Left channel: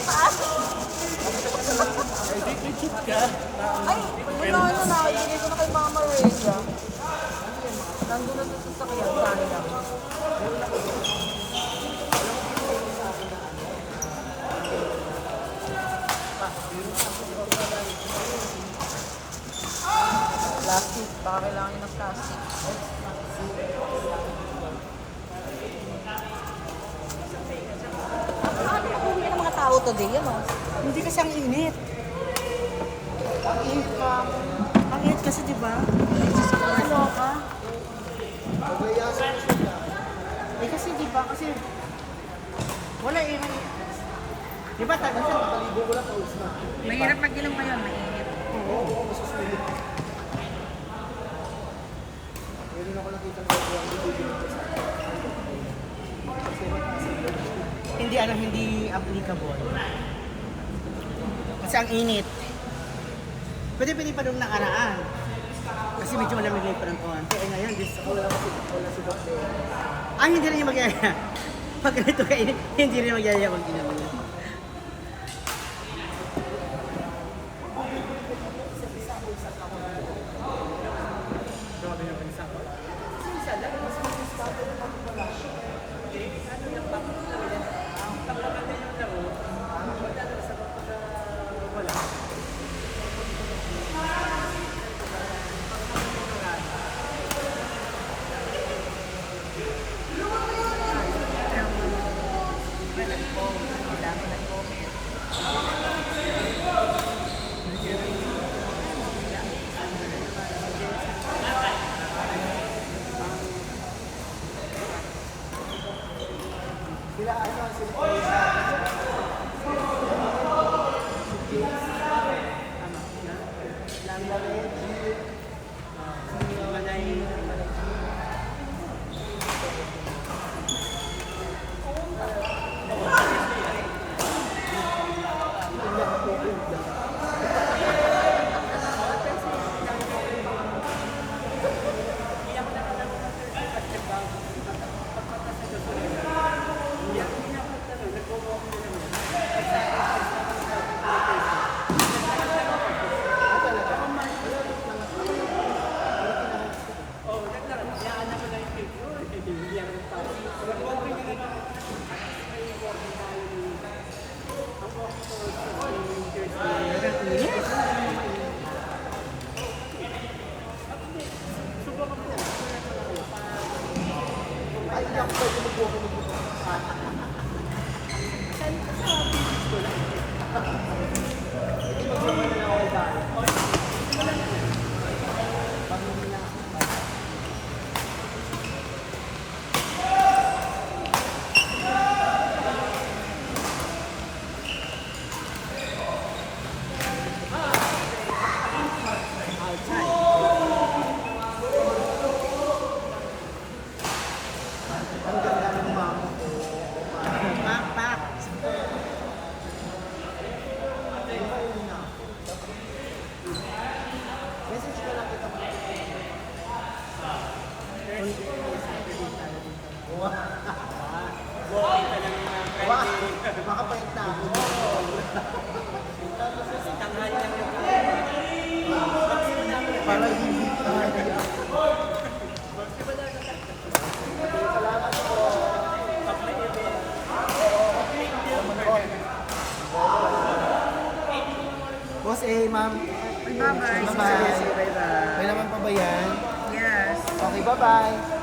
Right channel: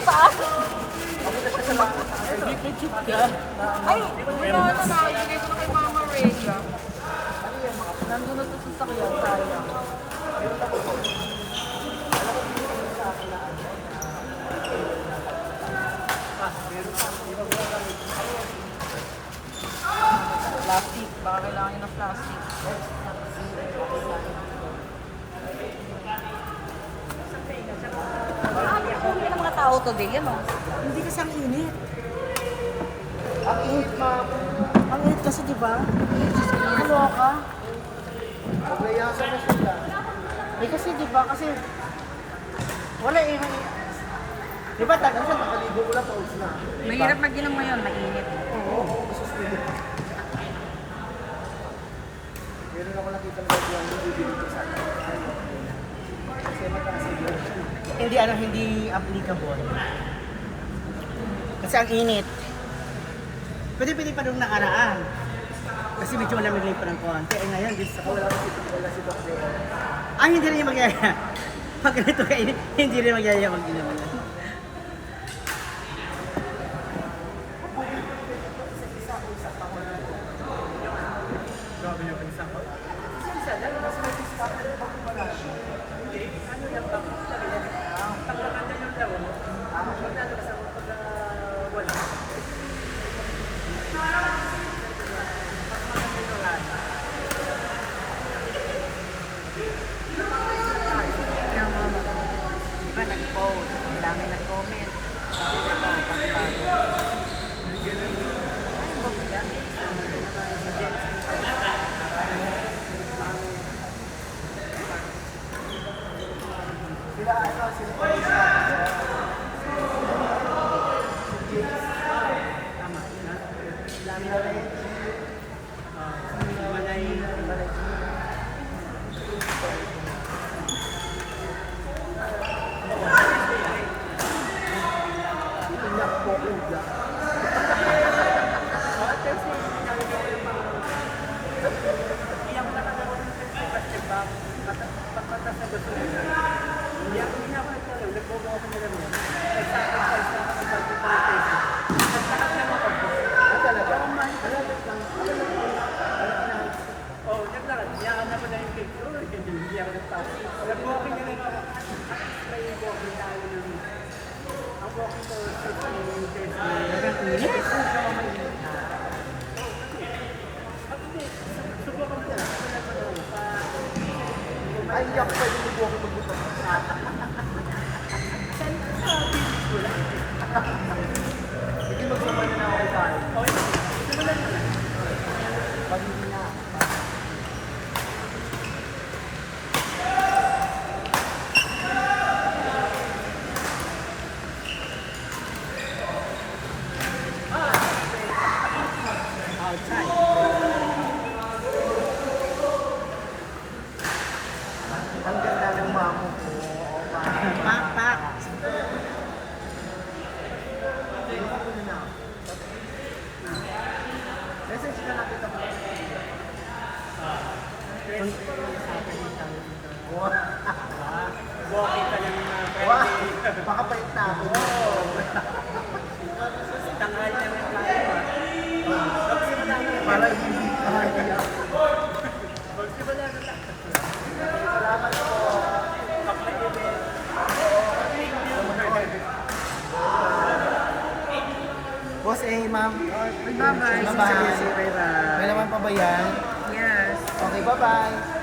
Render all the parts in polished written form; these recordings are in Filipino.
Saan? Ay, ketchup ka. Ay, wala na. Ibigay ko na kay Mama Rhea. Plastic. Baka kailangan yun ng plastic. Hindi naman tao today, yan o. Hindi kasi ang init. Ang init. Ang init kasi, di ba? Ano ka? Eh kasi, di ba? Kasi, wala eh. Di ba, tayo siya, nakaligo ko na sa usna. Mahirap mag-inom ngayon, mainit. Oo. Meron ako nakita mo Hindi, hindi applicable. Kasi ang init. Pwede pa nung nakaraan. Kasi medyo malamig pa ng konti. Ay ngayon, hindi rin yung magyaya. Pag ganito kainit, hindi rin magyaya mag-inom. Pero mama, nag-post. Ang dami nag-comment. Boss A, ma'am. Bye-bye. Bye-bye. May naman pa ba yan? Yes. Okay, bye-bye.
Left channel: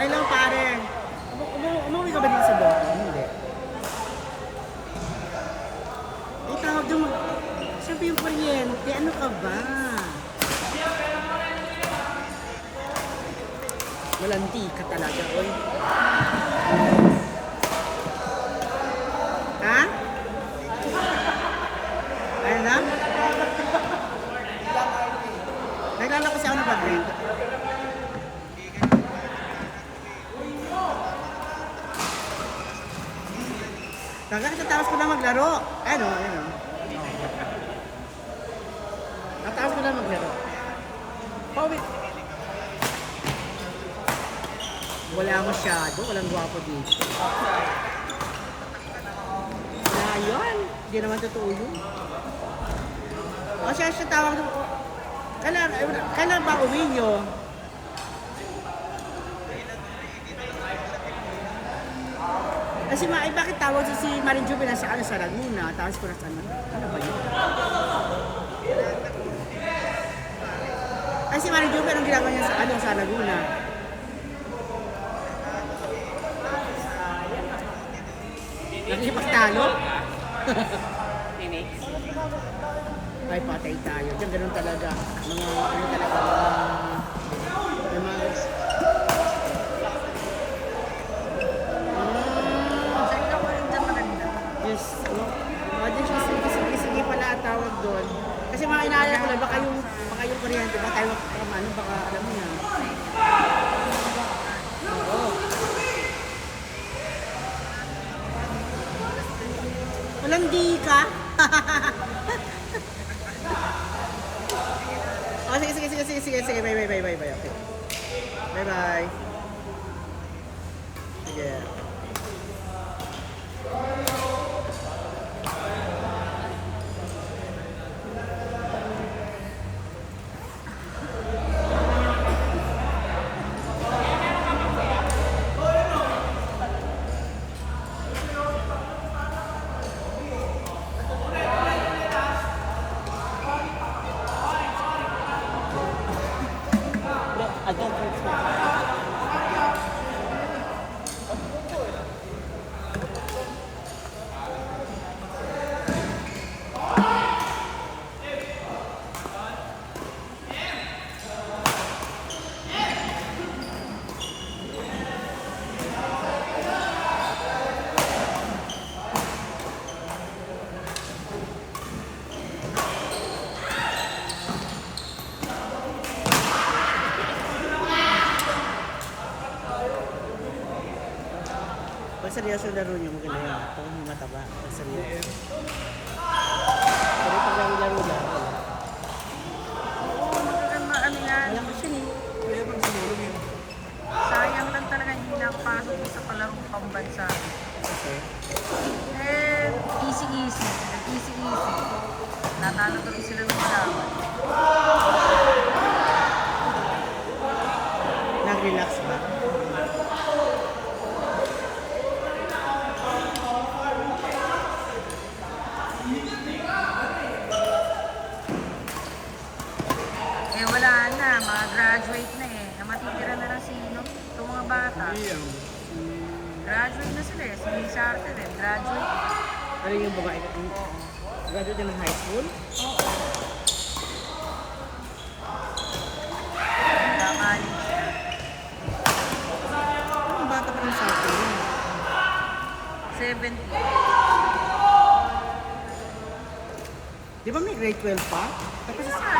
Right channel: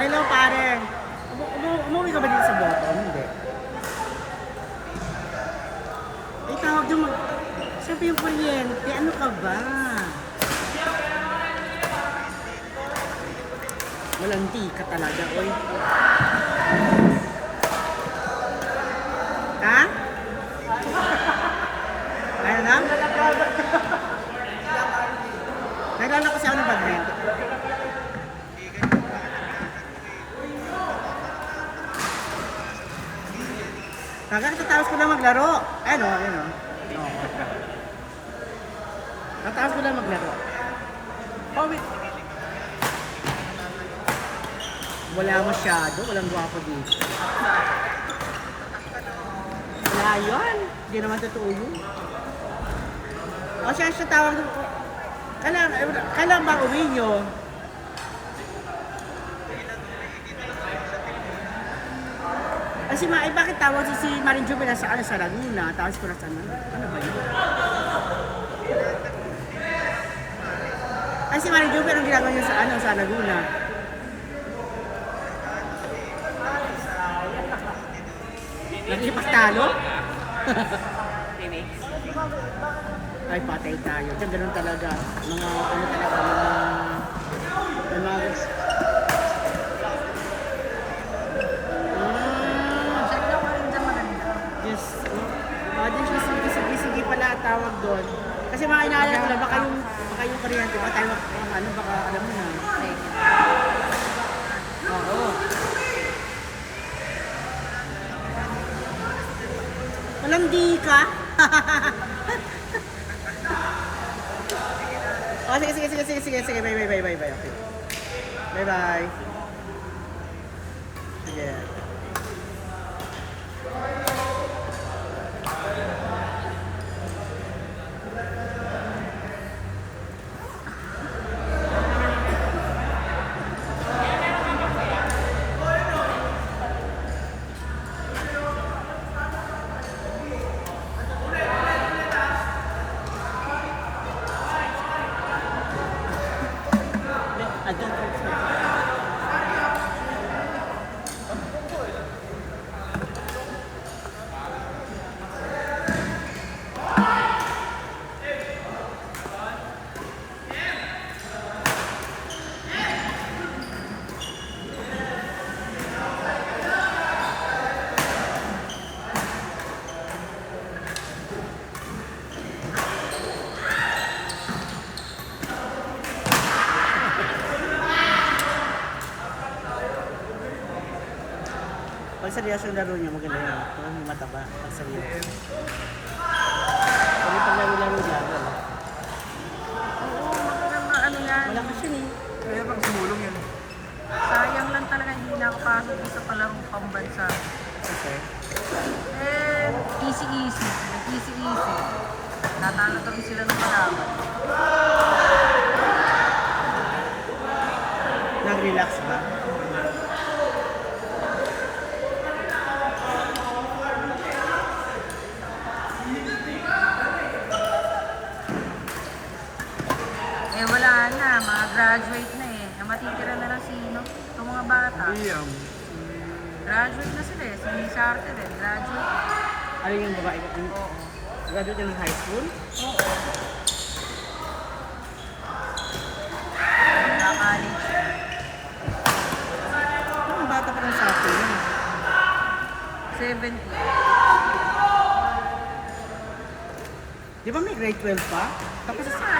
Ay lang pare. Umuwi ka ba dito sa Bota? Hindi. Ay tawag yung siyempre yung kuryente. Ano ka ba? Walanti ka talaga, oy. Ha? Kakatapos ko lang maglaro. Ano. Natapos ko lang maglaro. Pawit. Wala masyado, walang gwapo dito. Wala yun. Hindi naman totoo yun. O siya tawag ko. Kailan ba uwi nyo? Kasi bakit tawag si Marin Jumela sa Laguna, tapos ko na sa ano ba yun? Kasi Marin Jumela ang ginagawa niya sa Laguna. Nagipagtalo? Ay, patay tayo. Diyan ganun talaga. Check lang ko rin dyan maganda. Yes. Din siya sige pala tawag doon. Kasi mga inaalala nila, baka yung kuryente, baka tayo, baka alam mo na. Oo. Walang di ka. Oh, sige. Bye. Sige. I don't think so. Pag seryoso yung laro niya, maganda yun. Pag mataba, pag seryoso. Pag laro niya, Oo, magandang ano yan. wala kasi eh. Kaya pag sumulong yun. Sayang lang talaga hindi nakapasok ko sa palarong pambansa. Okay. Easy. Nag-easy. Natalo tuloy sila ng malawan. Nag-relax ba? Wala na, mga graduate na eh. Matitira na lang sino? Itong mga bata. Graduate na sila eh. Si Miss Arte rin, graduate. Ano yung babae? Graduate ng high school? Magka-college na. Ang bata pa ng sa akin yun. 70. Di ba may grade 12 pa? Tapos Isa sila mo.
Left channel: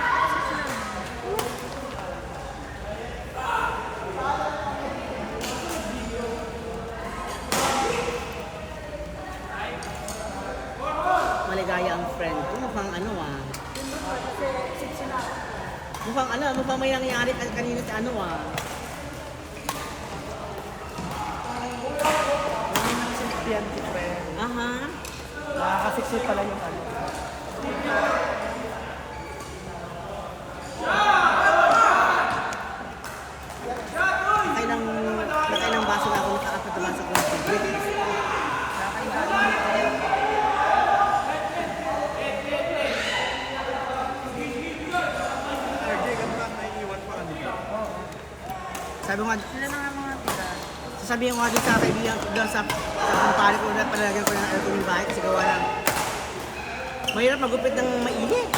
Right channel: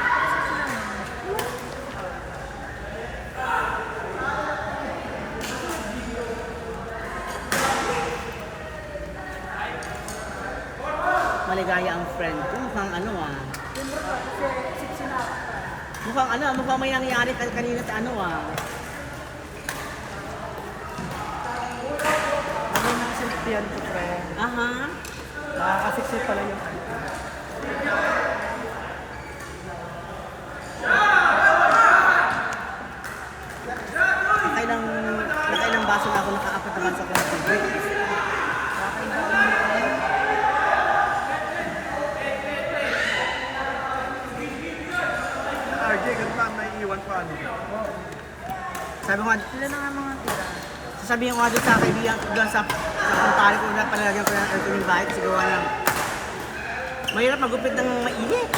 maligaya ang friend ko. Mukhang ano ah. Mukhang may nangyari kanina sa ano ah. Ano yung sintiyan ko, friend? Aha. Nakakasiksi pala yung ano. Nakailang baso na ako nakaapat naman sa coffee. Sabi ko nga, Sila na nga mga tira. sasabihin ko nga doon sa kaibigan ko, doon sa kumpare ko na palagyan ko ng yung bahay kasi gawa ng mahirap magupit ng mainit.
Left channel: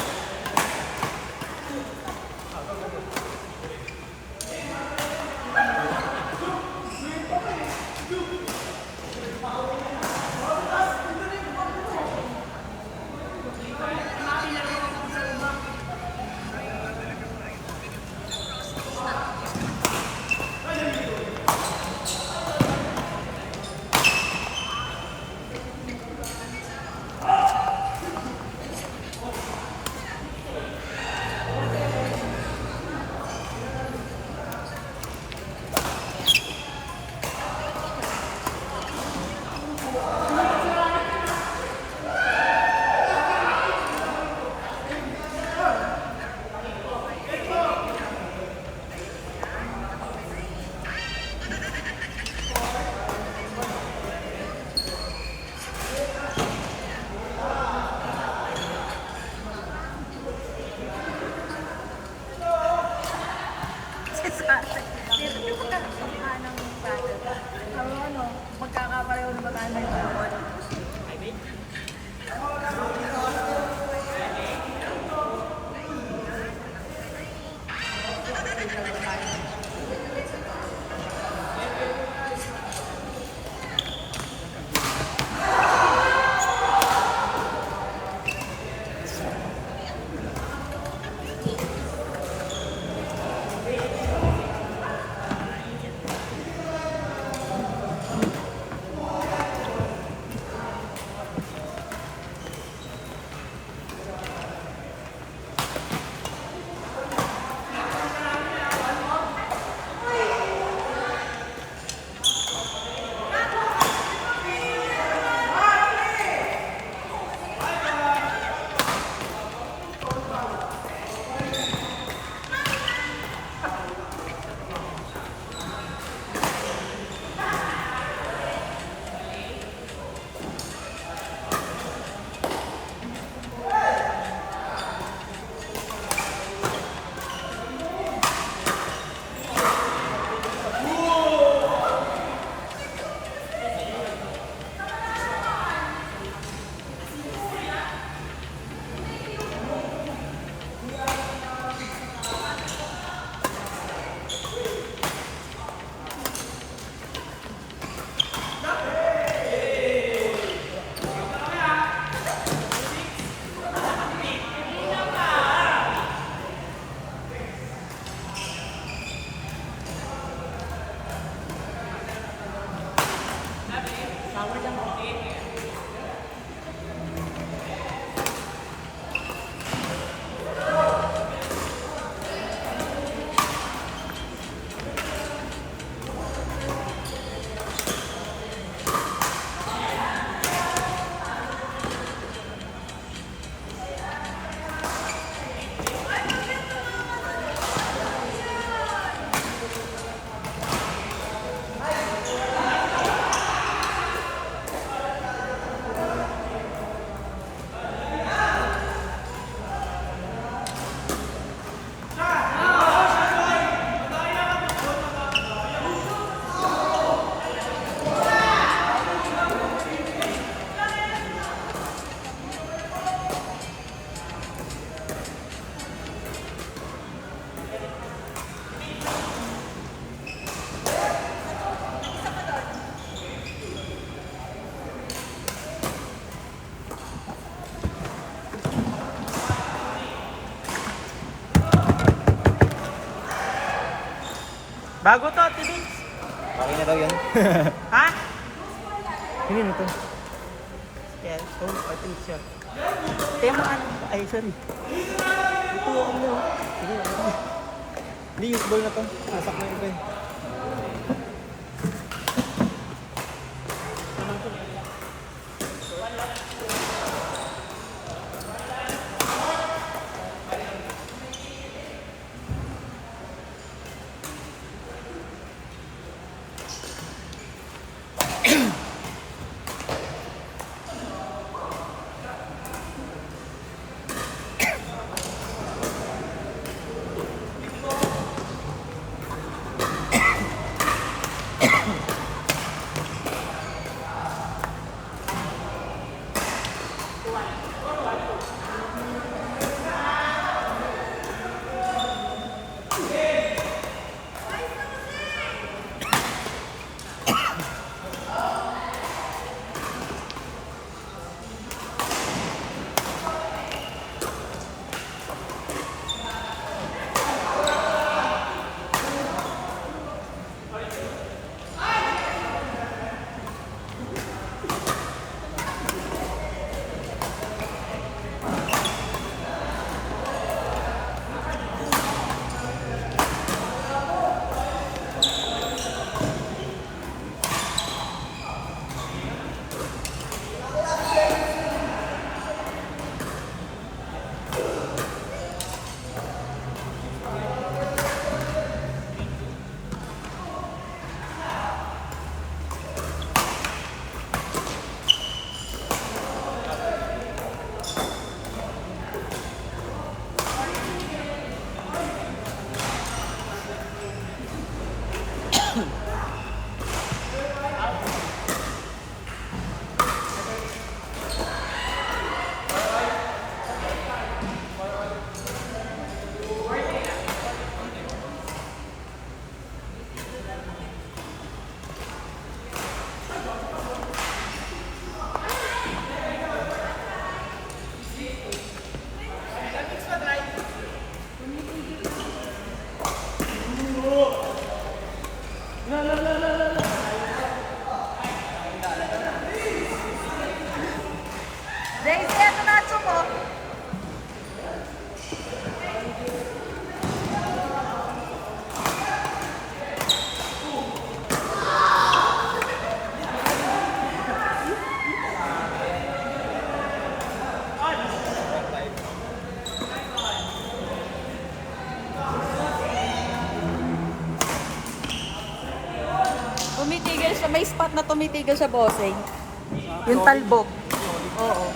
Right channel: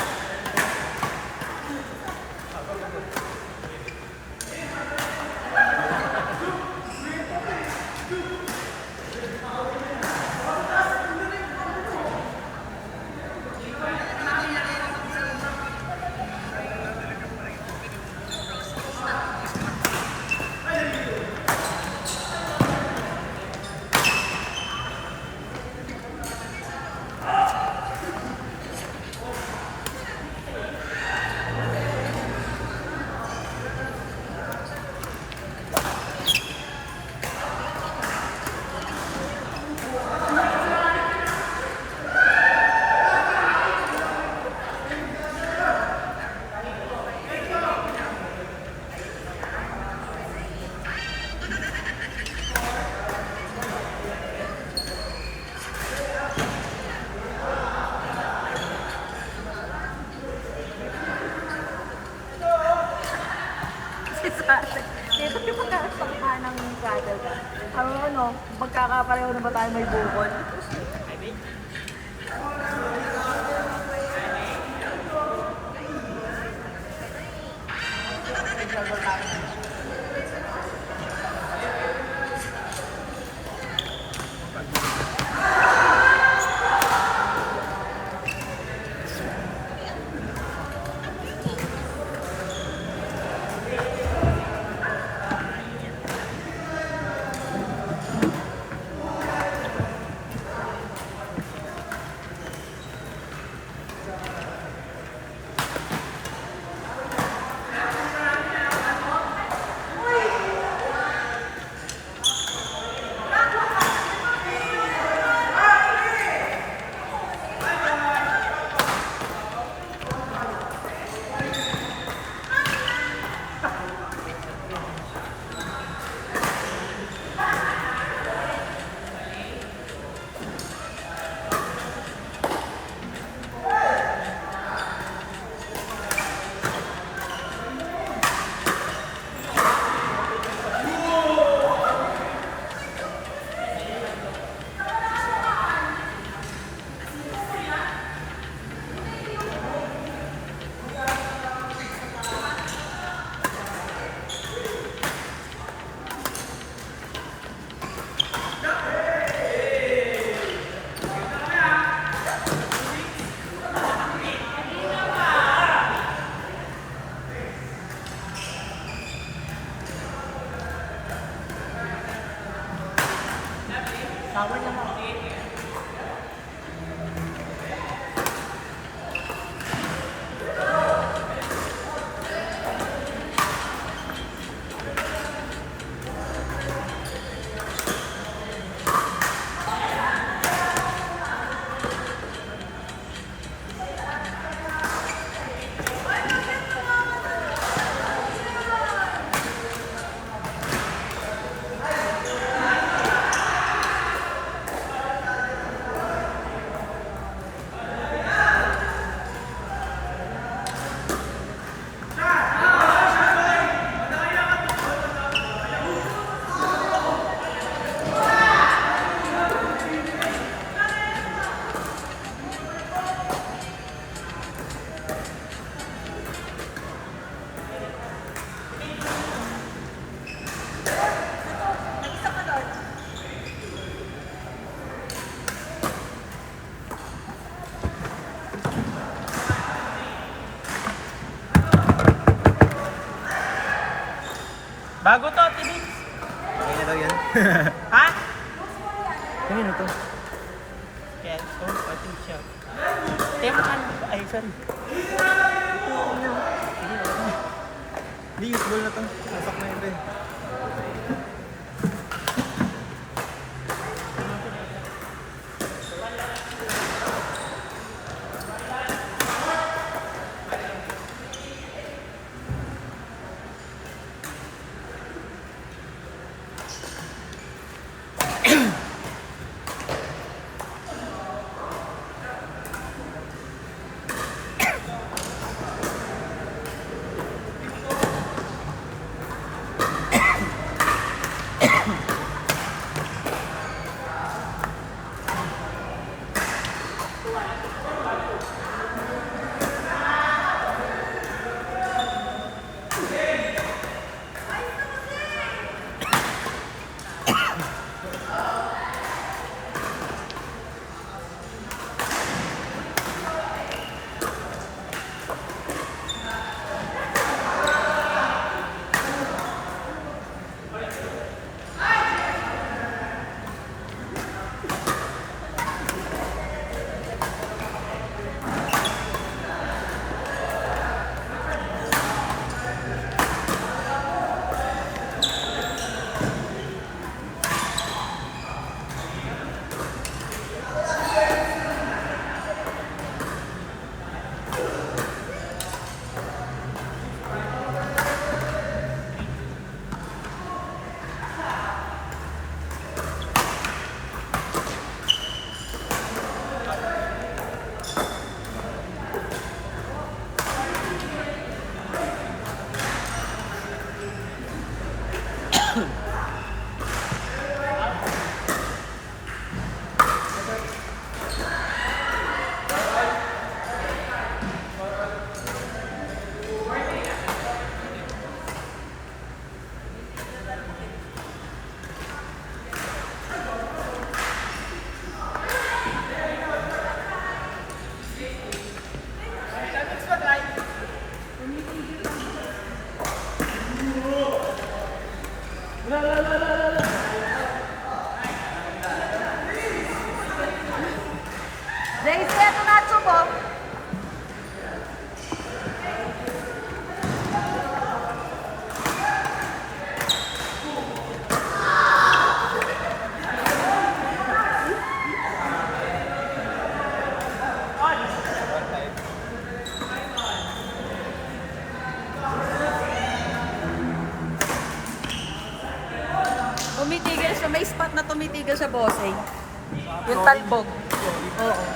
Pink siya. Kaya ka ay saan? Ito okay lang. Hindi, usable na to. Lasak na ito eh. Daisy, eto na po. Tumitigil siya. May spot na tumitigil siya, bossing. Yung talbog. Oo.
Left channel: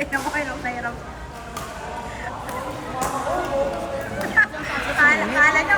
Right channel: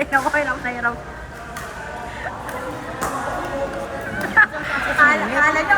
Tingnan ko kayo na hirap. Kala nyo,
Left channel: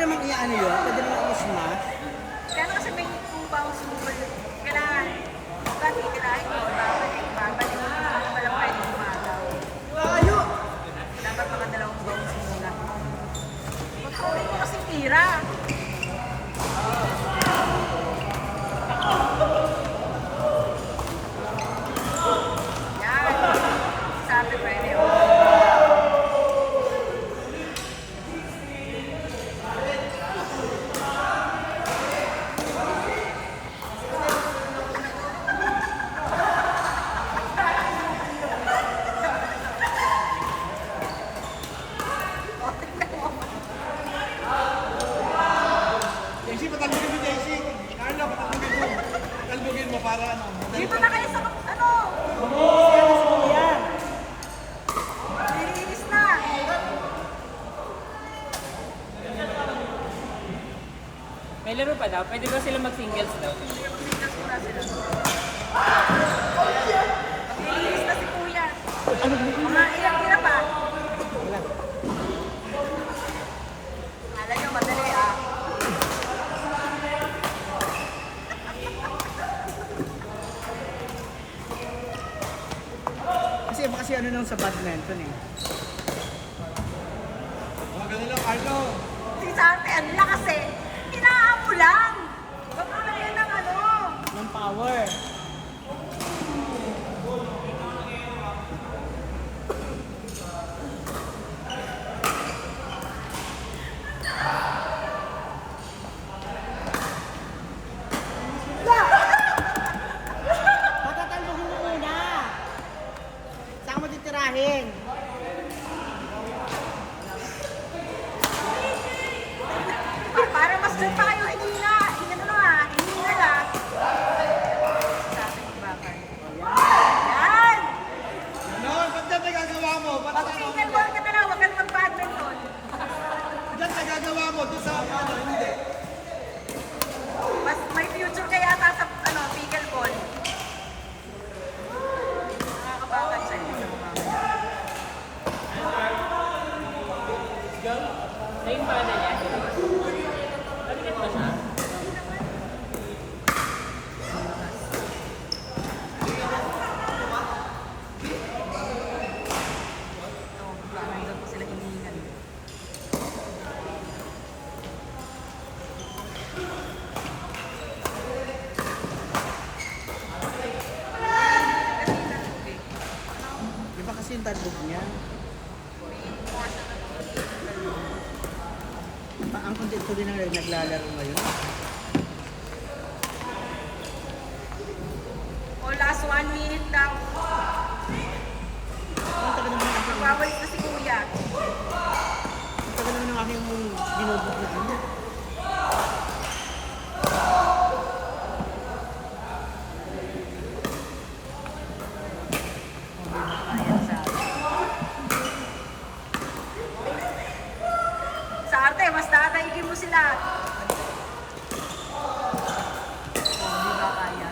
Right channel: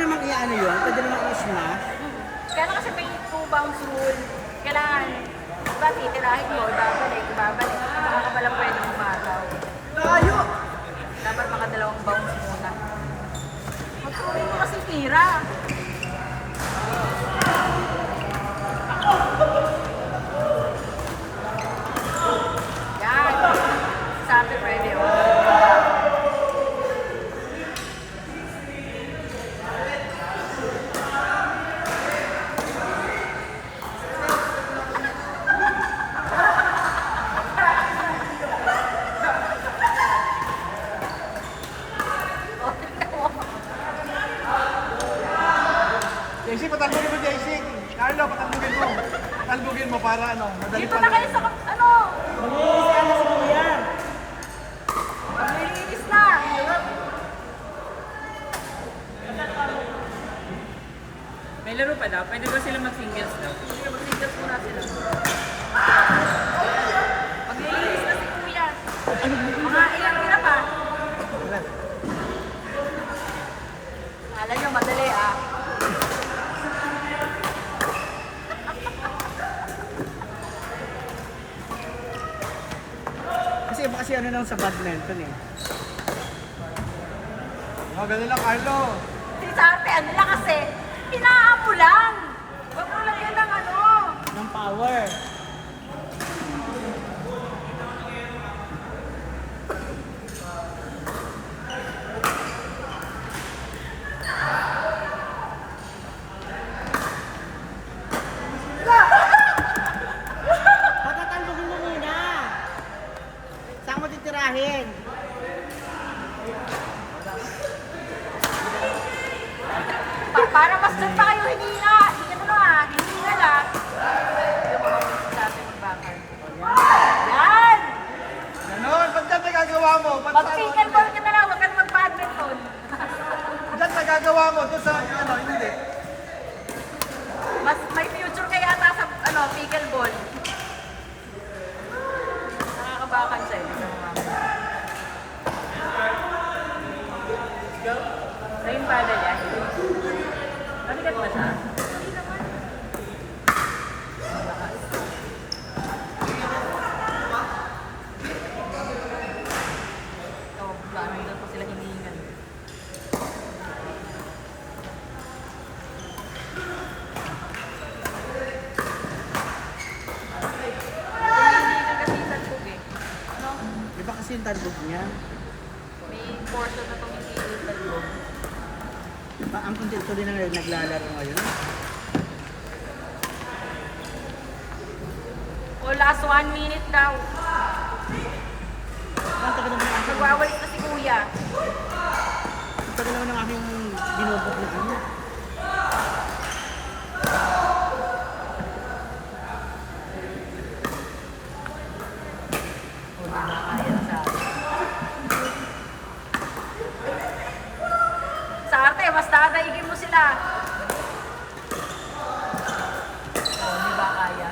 naman i-ano yun, pwede naman i-smash. Kaya na kasi may 2 bounce rule. Kailangan, diba, titirahin mo, babalik. Baka ka pala pwede umataw. Tayo! Dapat mga 2 bounce muna. Matuloy mo kasi tira. Yan. Sabi pwede, oh. JC, patalbugin mo, JC. Carlo, patalbugin mo. Patalbugin mo para ano. Madali Dito na kayo sa, ano, nilinis na. May laro pa daw. Pwede ba sila mag-singles daw? Mag-singles muna sila. Maglilinis na si Kuya. Mga ilang tira pa. Alam nyo, madali ah. Kasi ano lang sa badminton eh. Oh, ganun lang, Carlo. Si Sarte, ano lang kasi, inaamo lang. Huwag mo lang yan ng ano. Ng power. Patatalbogin mo muna. Saan mo titirahin? Para mas doon pa kayo hinina. Ano na ah, hinina lang. Sa ating magbakal. Yan! Ganon, ba't dyan nagagawa mo? Ba't Mag-single ball ka na lang, huwag ka na mag-badminton. dyan nagagawa mo? Doon sa ano, hindi. Mas may future ka yata sa ano, pickleball. Nakakabakan siya eh. So yung paddle yan. Mabigat ba siya? Oh, parang doon pa sila hinihingan. Kasi talbog eh. Ano? Di ba kasi yung talbog niya? May portion na itong hindi talbog. Ang content ko din na naglalaro ngayon. O last 1 minute daw. Ang tagal naman ang Magwawalis na si Kuya. tagal naman ng aking binobok na ano. Ayan sa Sa arte, mas dadaigin mo sila. Oh, di ba kaya?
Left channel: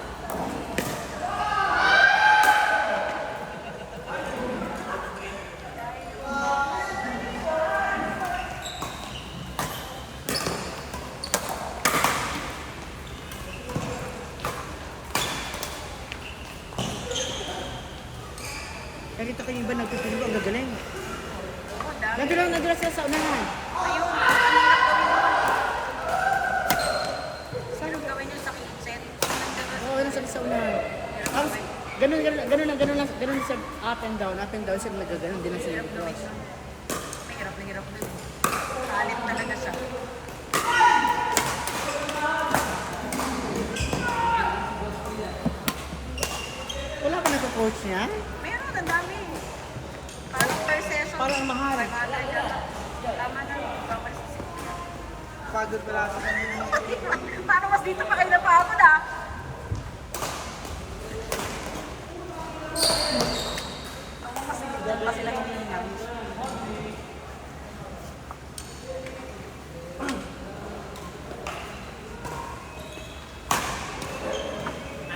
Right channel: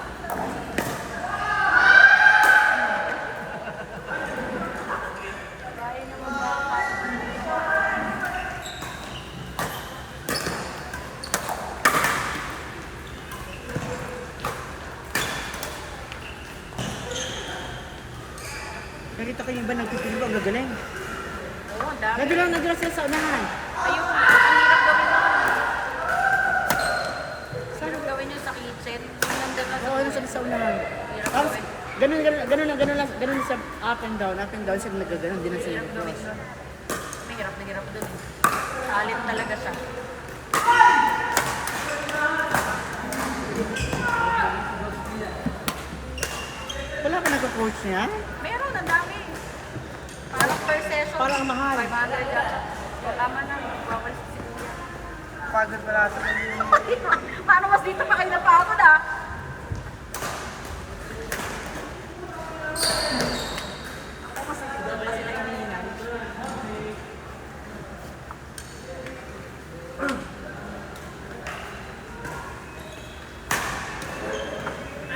Nakita ko yung iba nagtutulog, ang gagaling. Oo, ang dami. Nagdala sila sa unahan. Ayun, ang hirap gawin yun. Hirap gawin yun sa kitchen. Nandiyan ka Oo, nasa sa unahan. Hirap Tapos, gawin. ganun sa up and down sila nagaganon, din na sila Hirap gawin nag-cross. yun. May hirap dun. Salit talaga siya. Wala ka nag-coach niya? Meron, ang dami. Parang per session. Parang mahal. 500 yan. Tama na, magpapalis si Kuya. Pagod pala sa Paano mas dito pa kayo napagod ah?